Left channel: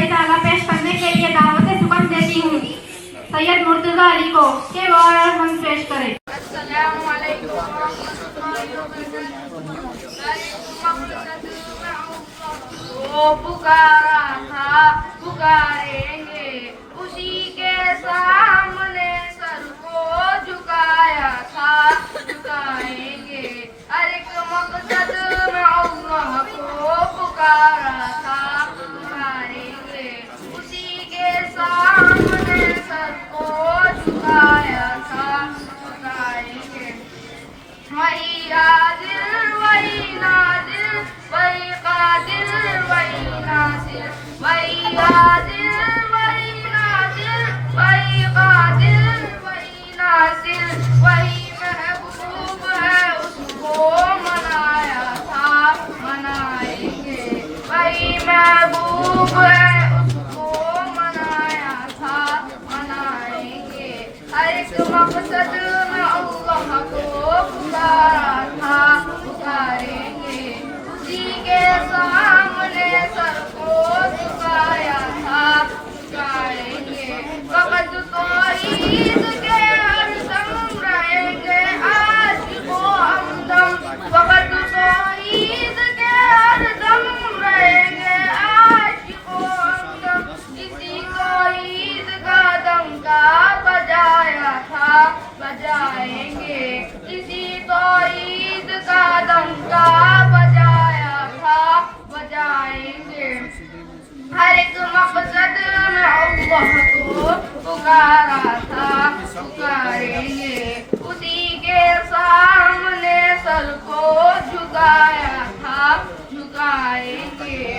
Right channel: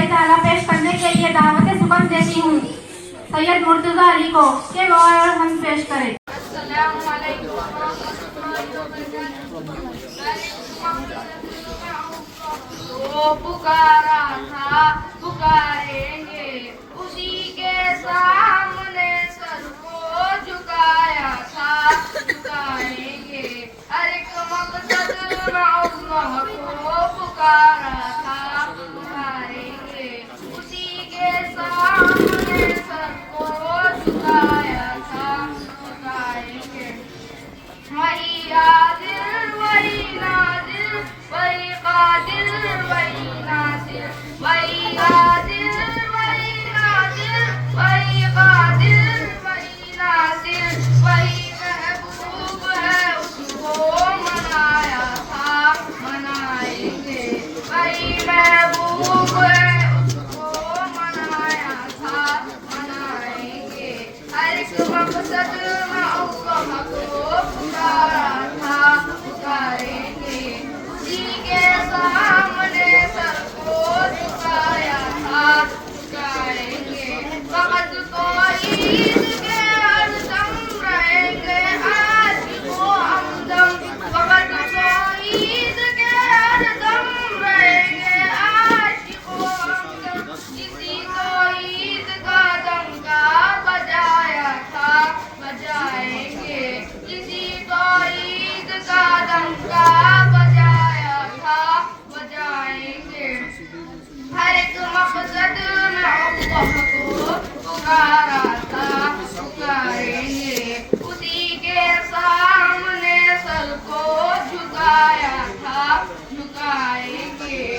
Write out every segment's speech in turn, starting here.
شاعری تعالیٰ پیش کرنے کے لیے دعوت سخن دیتی ہوں سید مرتضیٰ علی کو کہ وہ آئے اور ہم پیش کریں. السلام علیکم ورحمۃ اللہ وبرکاتہ. وہ پکارا تھا پکاریں گے اسی کے سامنے سر کو جھکایا تھا جھکائیں گے ہر ایک مقصد میں اللہ کو پکارا تھا پکاریں گے اسی کے سامنے سر کو جھکایا تھا جھکائیں گے. وہی عادل وہی نادل وہی قادر وہی ناصر وہی عادل وہی نادل وہی قادر وہی ناصر وہی محبوب ہے اس کو منایا تھا منائیں گے وہی محبوب ہے اس کو منایا تھا منائیں گے ہر ایک مقصد میں اللہ کو پکارا تھا پکاریں گے اسی کے سامنے سر کو جھکایا تھا جھکائیں گے. فقط توحید کے ہر دم رہیں گے عاشق و ہمدم فقط توحید کے ہر دم رہیں گے عاشق و ہمدم کسی توحید کا ڈنکا بجایا تھا بجائیں گے کسی توحید کا ڈنکا بجایا تھا بجائیں گے. ہر ایک مقصد میں اللہ کو پکارا تھا پکاریں گے اسی کے سامنے سر کو جھکایا تھا جھکائیں گے.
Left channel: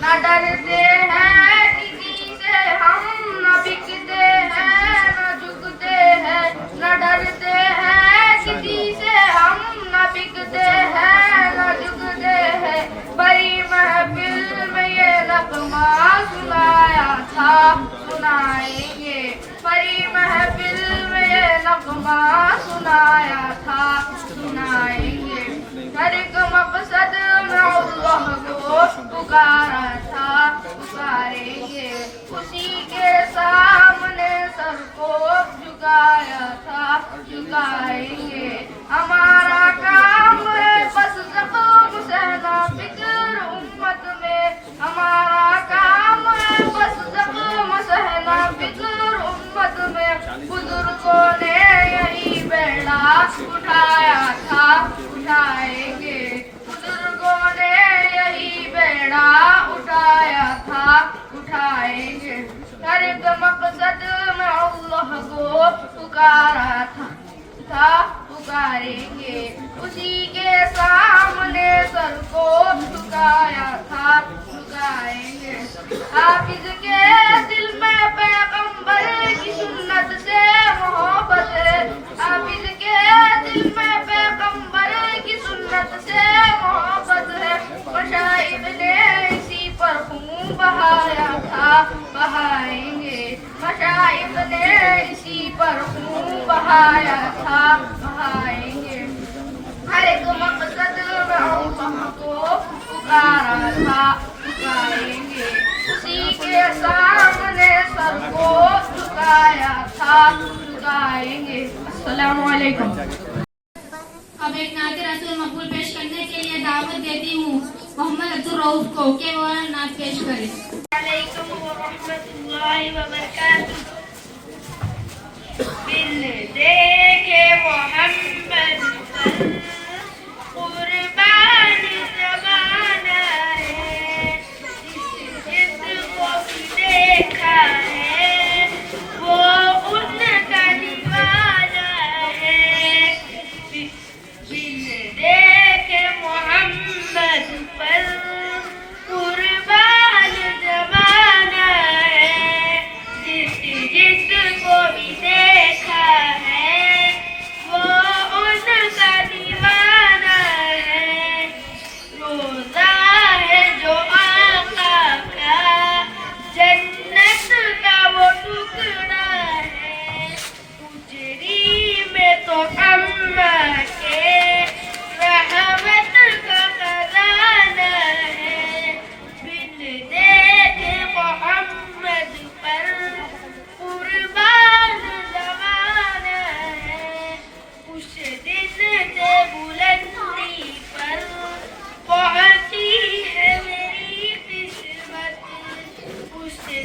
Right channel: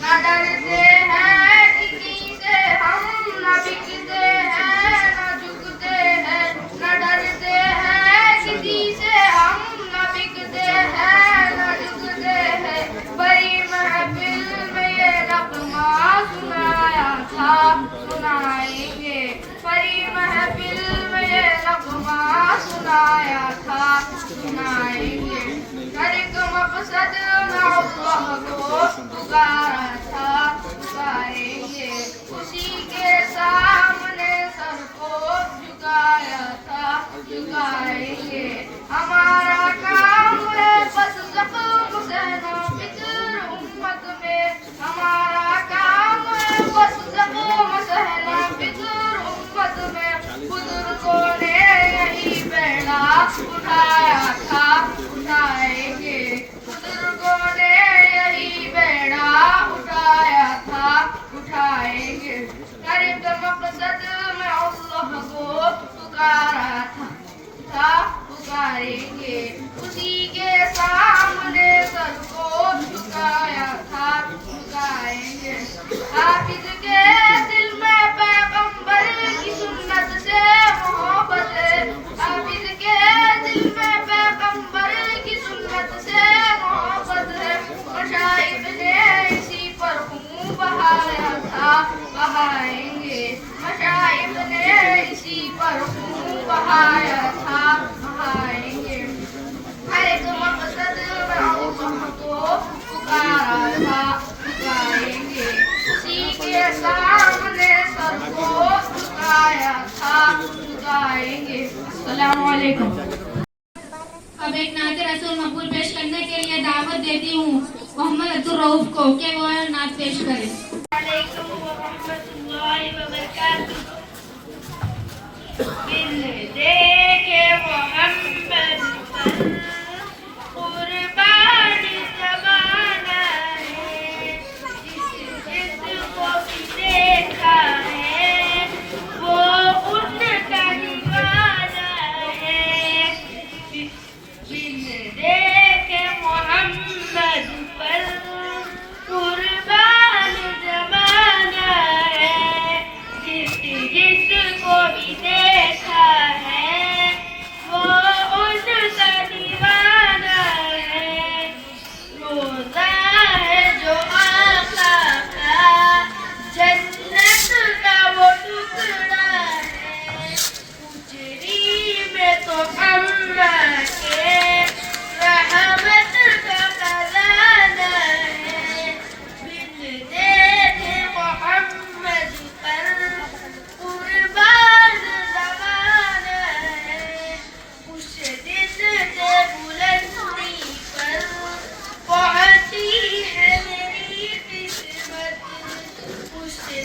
نہ ڈرتے ہیں کسی سے ہم نہ بکتے ہیں نہ جھکتے ہیں نہ ڈرتے ہیں کسی سے ہم نہ بکتے ہیں نہ جھکتے ہیں. بڑی محفل میں یہ نغمہ سنایا تھا سنائیں گے بڑی محفل میں یہ نغمہ سنایا تھا سنائیں گے. ہر ایک مقصد میں اللہ کو پکارا تھا پکاریں گے اسی کے سامنے سر کو جھکایا تھا جھکائیں گے. ہمارا کام ہے بس زخم سہنا فکر امت میں ہمارا کام ہے بس زخم سہنا فکر امت میں. بزرگوں نے یہی بیڑا اٹھایا تھا اٹھائیں گے بزرگوں نے یہی بیڑا اٹھایا تھا اٹھائیں گے. ہر ایک مقصد میں اللہ کو پکارا تھا پکاریں گے اسی کے سامنے سر کو جھکایا تھا جھکائیں گے. حافظ کے دل میں پیغمبر کی سنت سے محبت ہے حافظ کے دل میں پیغمبر کی سنت سے محبت ہے. مشائخ نے اسی پر خون بہایا تھا بہائیں گے مشائخ نے اسی پر خون بہایا تھا بہائیں گے. ہر ایک مقصد میں اللہ کو پکارا تھا پکاریں گے اسی کے سامنے سر کو جھکایا تھا جھکائیں گے. السلام علیکم. اب ایک نعت رسول مقبول پیش کرنے کے لیے دعوت دیتی ہوں محمد عبدالرؤف کو کہ وہ نعت پیش کریں. علیکم ورحمۃ اللہ وبرکاتہ. دل دیکھے محمد پر قربان زمانہ ہے جس کو بھی دیکھا ہے وہ ان کا دیوانہ ہے. دل دیکھے محمد پر قربان زمانہ ہے جس کو بھی دیکھا ہے وہ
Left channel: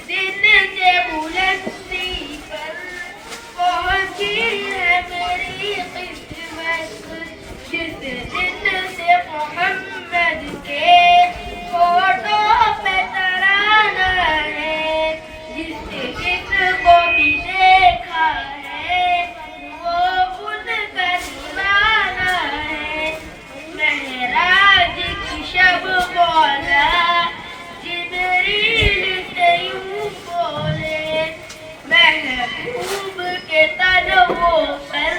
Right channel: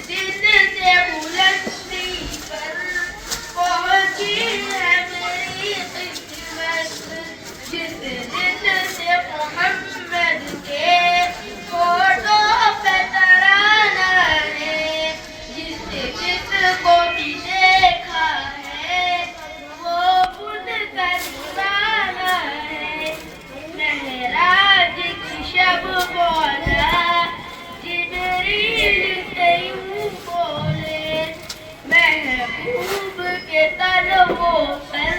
دن سے بلندی پر پہنچی ہے میری قسمت، جس دن سے محمد کے فوٹو پہ ترانہ ہے، جس کو بھی دیکھا ہے وہ ان کا دیوانہ ہے۔ معراج کی شب مولا جبریل سے یوں بولے، محبوب کے تلووں پر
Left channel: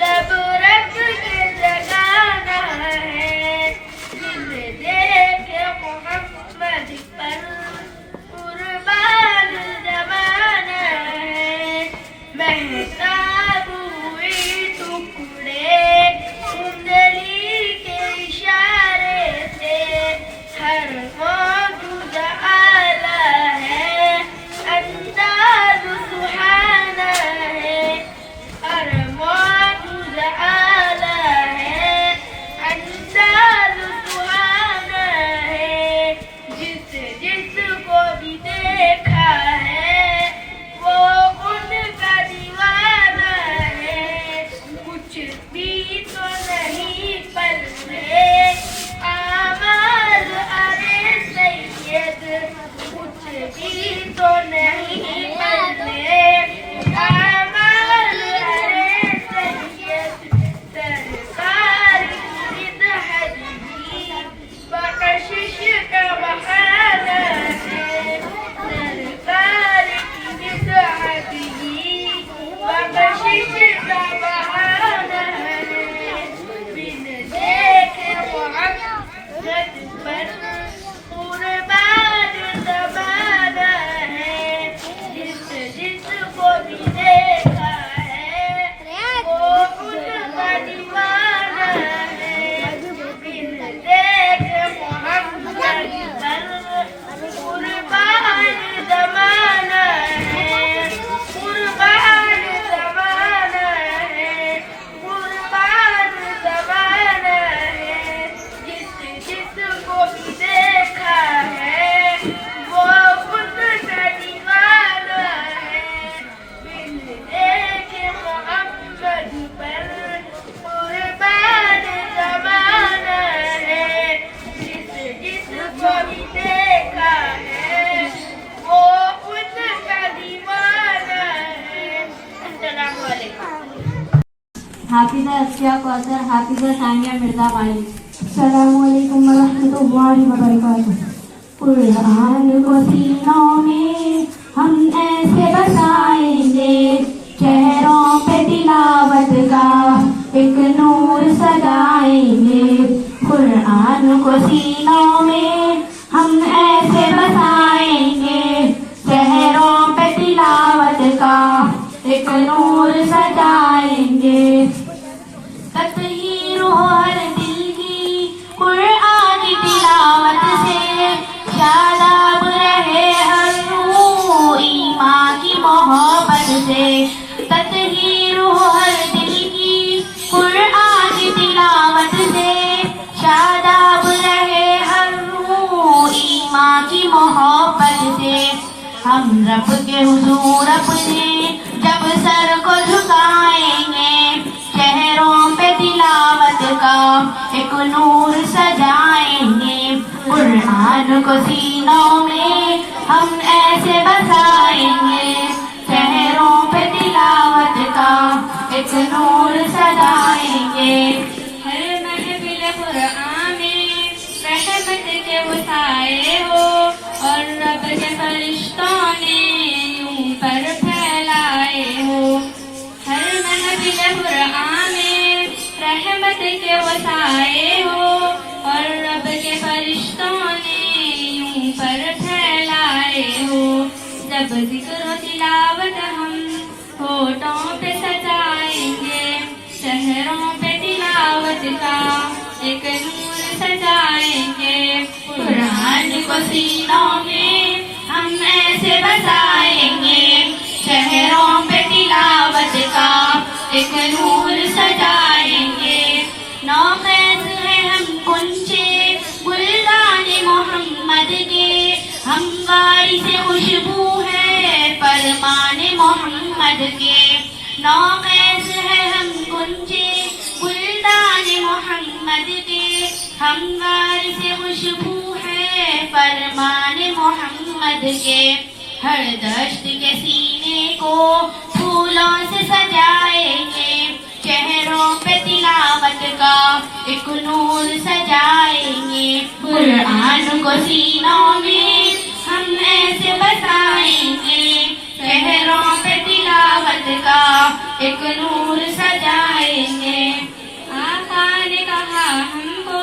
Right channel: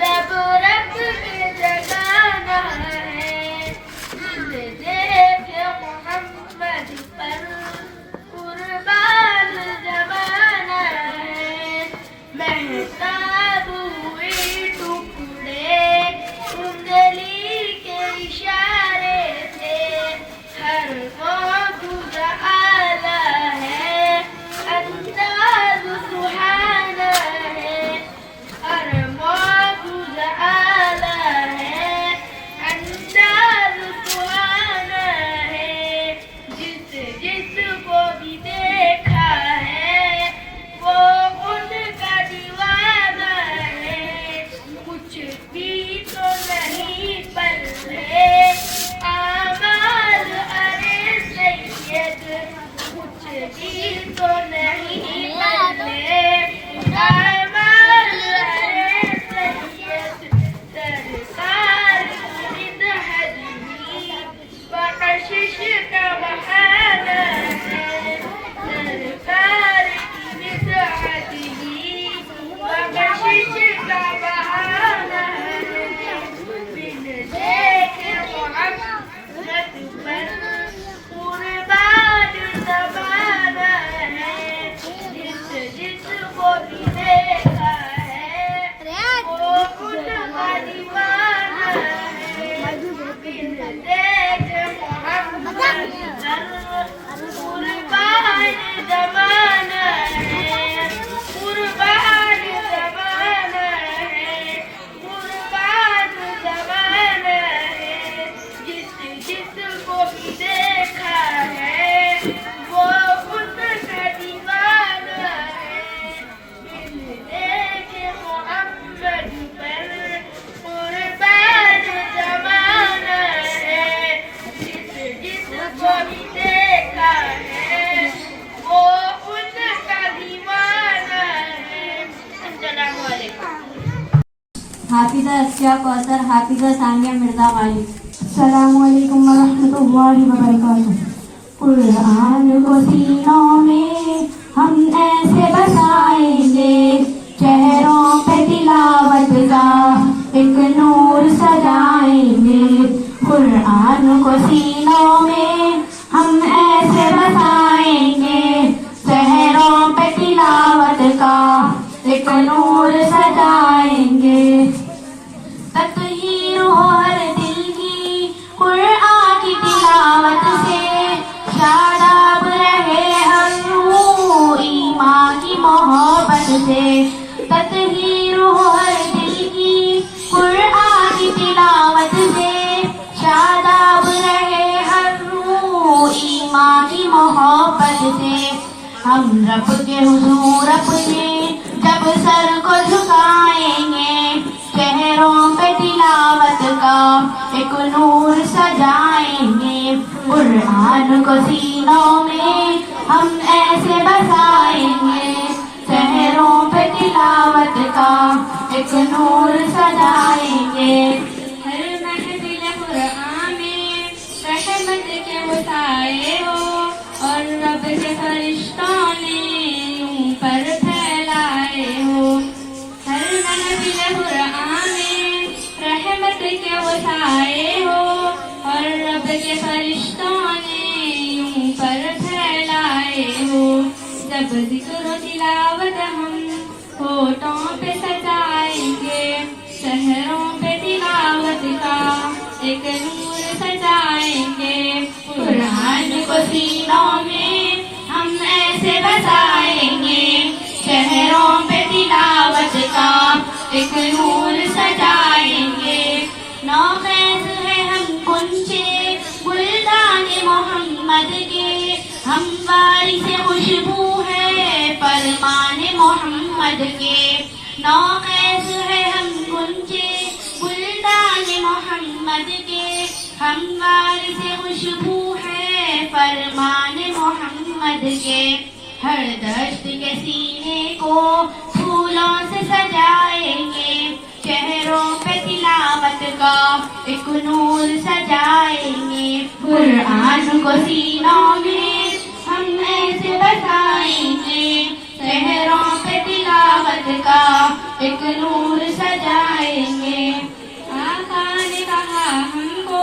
لب رکھ کے جگانا ہے، دل دیکھے محمد پر قربان زمانہ ہے۔ مہتاب ہوئی ٹکڑے انگلی کے اشارے سے، ہر موجود اعلیٰ ہے، انداز سبحانہ ہے، ہر موجود اعلیٰ ہے، انداز سبحانہ ہے، جس کو بھی دیکھا ہے وہ ان کا دیوانہ ہے۔ کچھ بھی تو نہیں پلے اعمال ارے سید، کچھ بھی تو نہیں پلے اعمال ارے سید، سرکار کی مدحت ہی بخشش کا بہانہ ہے، سرکار کی مدحت ہی بخشش کا بہانہ ہے۔ بن دیکھے محمد پر قربان زمانہ ہے، جس کو بھی دیکھا ہے وہ ان کا دیوانہ ہے۔ بن دیکھے محمد پر قربان زمانہ ہے، قربان زمانہ ہے، قربان زمانہ ہے، جس کو بھی دیکھا ہے وہ ان کا دیوانہ ہے۔ بن دیکھے محمد پر قربان زمانہ ہے، جس کو بھی دیکھا ہے وہ ان کا دیوانہ ہے۔ السلام علیکم۔ حافظہ اسیا کوثر، حافظہ ثانیہ مرزا والی۔ السلام علیکم ورحمۃ اللہ وبرکاتہ۔ قرآن کو سینوں میں ہم ایسے بسائیں گے، چہروں پہ تلاوت کا ایک نور سجائیں گے۔ قرآن کو سینوں میں ہم ایسے بسائیں گے، چہروں پہ تلاوت کا ایک نور سجائیں گے۔ تطہیر ہو ہر دل کی قرآن کی تلاوت سے، شاداب رہے ہر روح ایمان کی محبت سے۔ تطہیر ہو ہر دل کی قرآن کی تلاوت سے، شاداب رہے ہر روح ایمان کی محبت سے۔ ہم رب کے حضور اپنے جب سر کو جھکائیں گے، چہروں پہ تلاوت کا ایک نور سجائیں گے۔ قرآن کو سینوں میں ہم ایسے بسائیں گے، چہروں پہ تلاوت کا ایک نور سجائیں گے۔ ہر محفل قرآن میں رحمت کے وہ سائے ہو، اور رب کے فرشتوں نے یوں پر پھیلائے ہو۔ ہر محفل قرآن میں رحمت کے وہ سائے ہو، اور رب کے فرشتوں نے یوں پر پھیلائے ہو۔ جب ذکر و تلاوت ہم ہونٹوں پہ سجائیں گے، چہروں پہ تلاوت کا ایک نور سجائیں گے۔ قرآن کو سینوں میں ہم ایسے بسائیں گے، چہروں پہ تلاوت کا ایک نور سجائیں گے۔ نوخیز ہیں ہم کنچے گلدان محمد کے، ہم ہمواری سے خوشبو ہے فرمان محمد کے، نوخیز ہے ہم گنجے گلدان محمد کے، ہمواری سے خوشبو ہے فرمان محمد کے، ہر دشت کے سینے کو پھولوں سے سجائیں گے، چہروں پہ تلاوت کا ایک نور سجائیں گے، قرآن کو سینوں میں ہم ایسے بسائیں گے، چہروں پہ تلاوت کا ایک نور سجائیں گے۔ آقا نے کہا ہم کو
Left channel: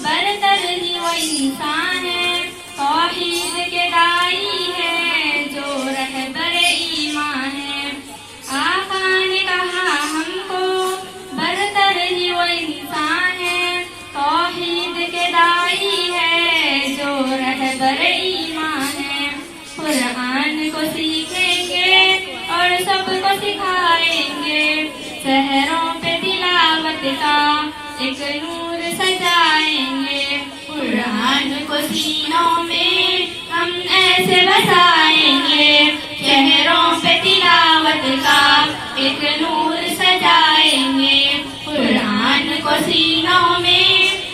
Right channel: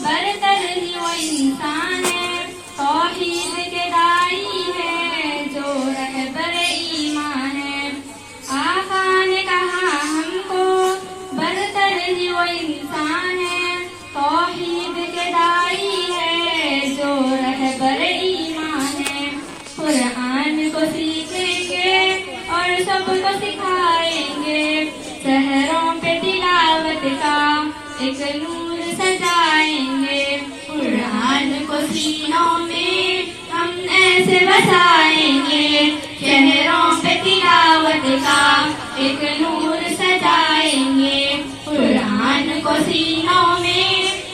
برتر ہی وہ انسان ہے، توحید کے دائی ہے جو رہبر ایمان ہے۔ آقا نے کہا ہم کو برتر ہی وہ انسان ہے، توحید کے دائی ہے جو رہبر ایمان ہے۔ قرآن کو سیکھیں گے اور سب کو سکھائیں گے، سحروں پہ تلاوت کا ایک نور سجائیں گے، قرآن کو سینوں میں ہم ایسے بسائیں گے، چہروں پہ تلاوت کا ایک نور سجائیں گے، قرآن کو سینوں میں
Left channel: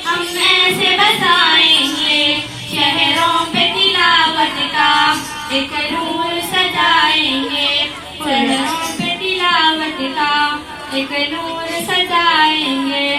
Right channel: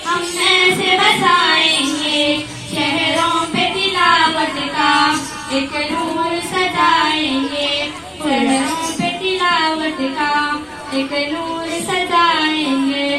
ہم ایسے بسائیں گے، چہروں پہ تلاوت کا ایک نور سجائیں گے، قرآن پہ تلاوت کا ایک نور سجائیں گے۔